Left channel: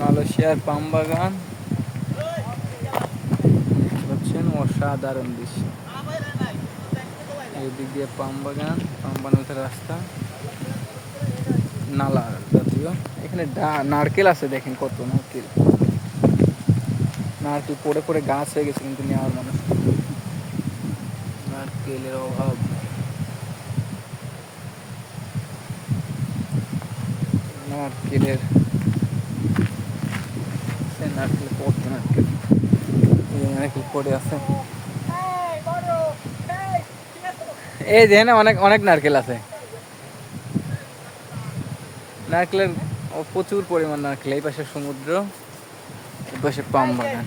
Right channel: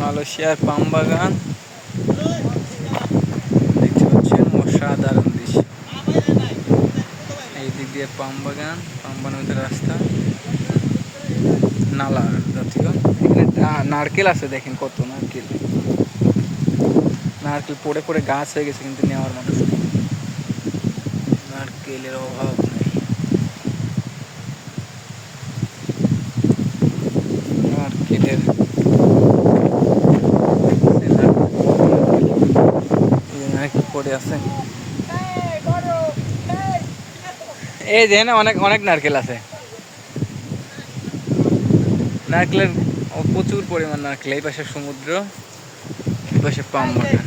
মালয়েশিয়ার পাম বাগান দেখতে পাচ্ছেন, অসাধারণ দৃশ্য। এই দিক দিয়ে পাম বাগান, পাম বাগানের রাস্তা, নালা জাতীয়। এখানে নারকেল আছে, দেখেন কত নারকেল। নারকেল পড়ে পড়ে গাছ হয়ে গেছে, কিন্তু নেওয়ার মানুষ নেই। নারকেলের অভাব নেই। নারকেলের নারকেল পড়ে আছে। এই যে না, অনেক অনেক নারকেল আছে। নারকেলের প্রচুর পরিমাণ নারকেল। এই পাশে সমুদ্র, এই পাশে পাম বাগান।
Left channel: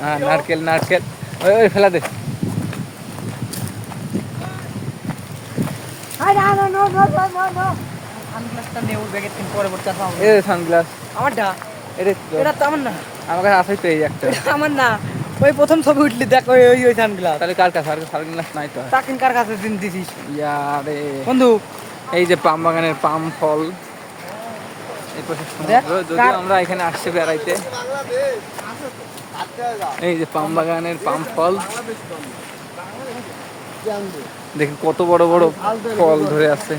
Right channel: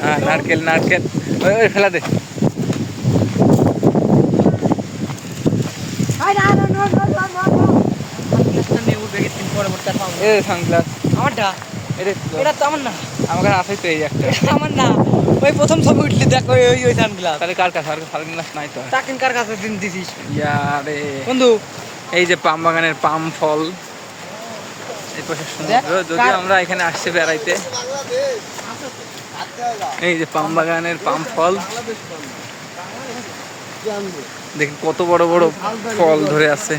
হ্যাঁ, নারকেল নারকেল ওই ওই ফেলা দে। সানগ্লাস আমারটা, এটা তো আমার না। আমার কাছে আছে তো, এই একটা আমার না। ওই প্রথম ছবি উঠলি দেখ, ওই ওই সানগ্লাস। তাহলে কার কাছে? আর সানগ্লাস নাই তো। তাকিন কার কাছে দিন দিছিস ইয়ারে বন্ধু? এই যে পাম বাগানের পাম ফল, এই পাশে সমুদ্র। যদিও আমরা এখানে আসছি বেড়াইতে। এই যে পাম বাগানের পাম ফল, দেখেন কত বড় বড় ফল ধরে আছে।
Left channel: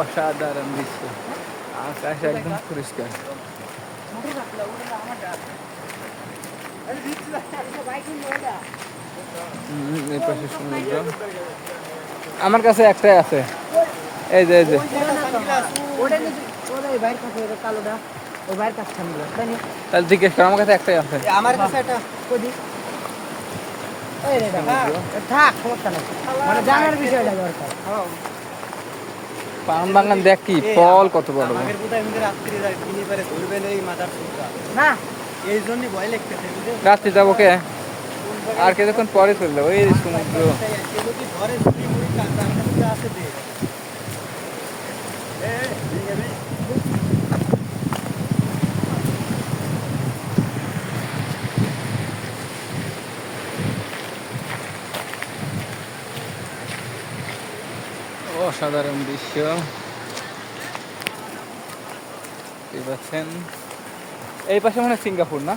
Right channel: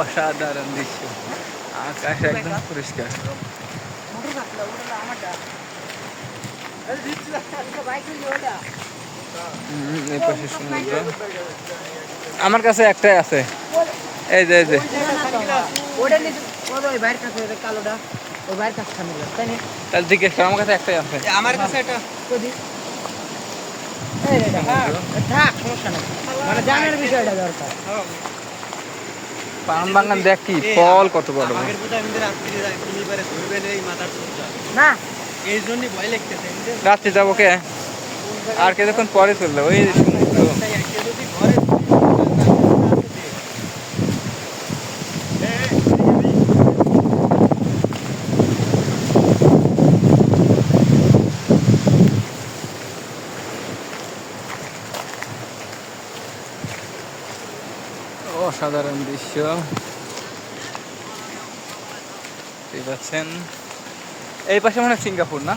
অসাধারণ দৃশ্য, আকাশ একদম পরিষ্কার। এই পাশে সমুদ্র। আমার কাছে একটাই আছে, এই যে এই যে তাহলে জিজ্ঞেস কর, আমার কাছে একটাই আছে। আমার কাছে একটা পাম বাগান দেখ কি ফল কত বড়। রাত্রে যাবো কে? আর কিছুক্ষণ পরে চললো ওই সমুদ্র। অসাধারণ দৃশ্য দেখতে পাচ্ছেন। এই পাশে মনে হয় সিঙ্গাপুর না?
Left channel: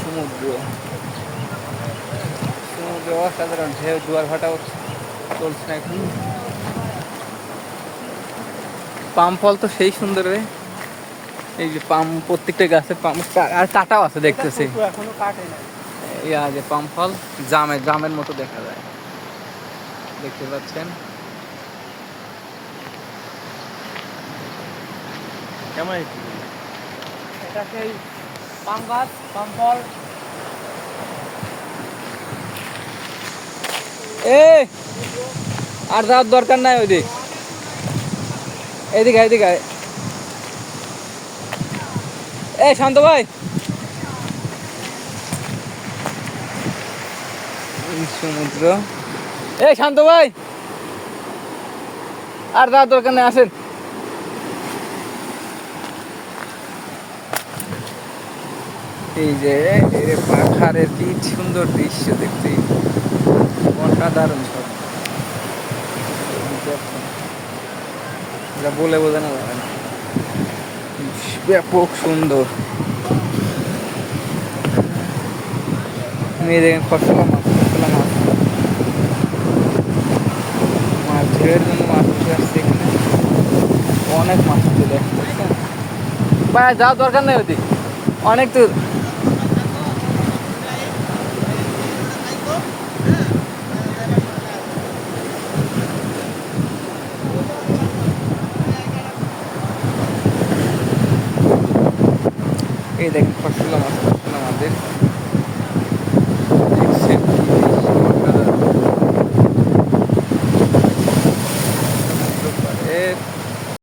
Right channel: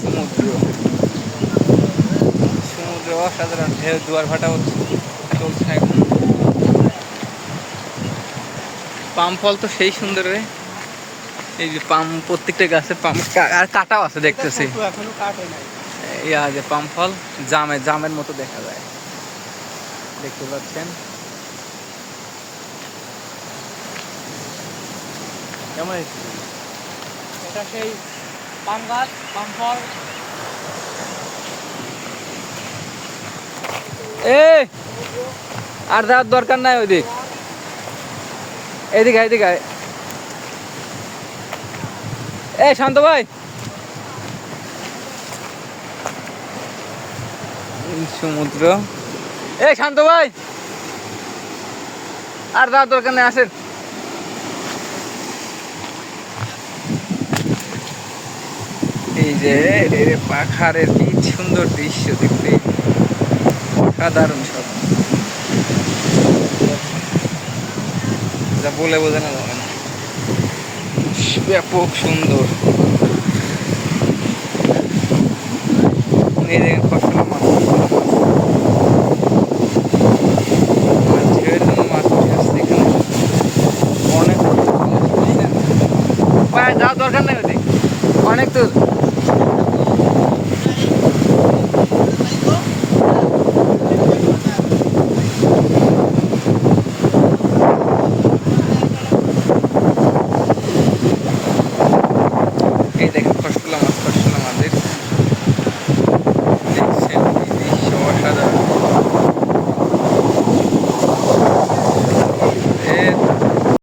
সমুদ্র, সমুদ্র অসাধারণ ঢেউ, জোয়ার ভাটা চলছে এখন। পাম ফল তো সেই সুন্দর রে। এই যে পাম, প্রত্যেকটা গাছে পাম, আর কাটাও আছে দেখতেছি। ইয়া যে পাম ফল জামের মতো দেখা যায়, দেখতে পাচ্ছেন। কেমন এটা সেই পাম গাছ, পাম ফল। এই আর যাওয়ার দরকার নাই ওইদিক, এদিকে এদিকে। এই শান্ত ভাই, সমুদ্র। এই শান্ত ভাই, আর যাওয়ার দরকার নেই, আসেন। এই যে পাখারের কি সুন্দর দৃশ্য দেখতে, অসাধারণ সব, যা বলে বোঝানো যাবে না, ব্যাপক সুন্দর। এই দেখেন খসলা মাছ, মাছ ধের জন্য মাছ উঠে আসছে এখানে, অনেক মাছ চলে আসছে। ভাই যাওয়ার দরকার নেই ওদিক, অনেক দূর। এই দেখেন খসলা মাছের দেখছেন কি দৃশ্য, অসাধারণ।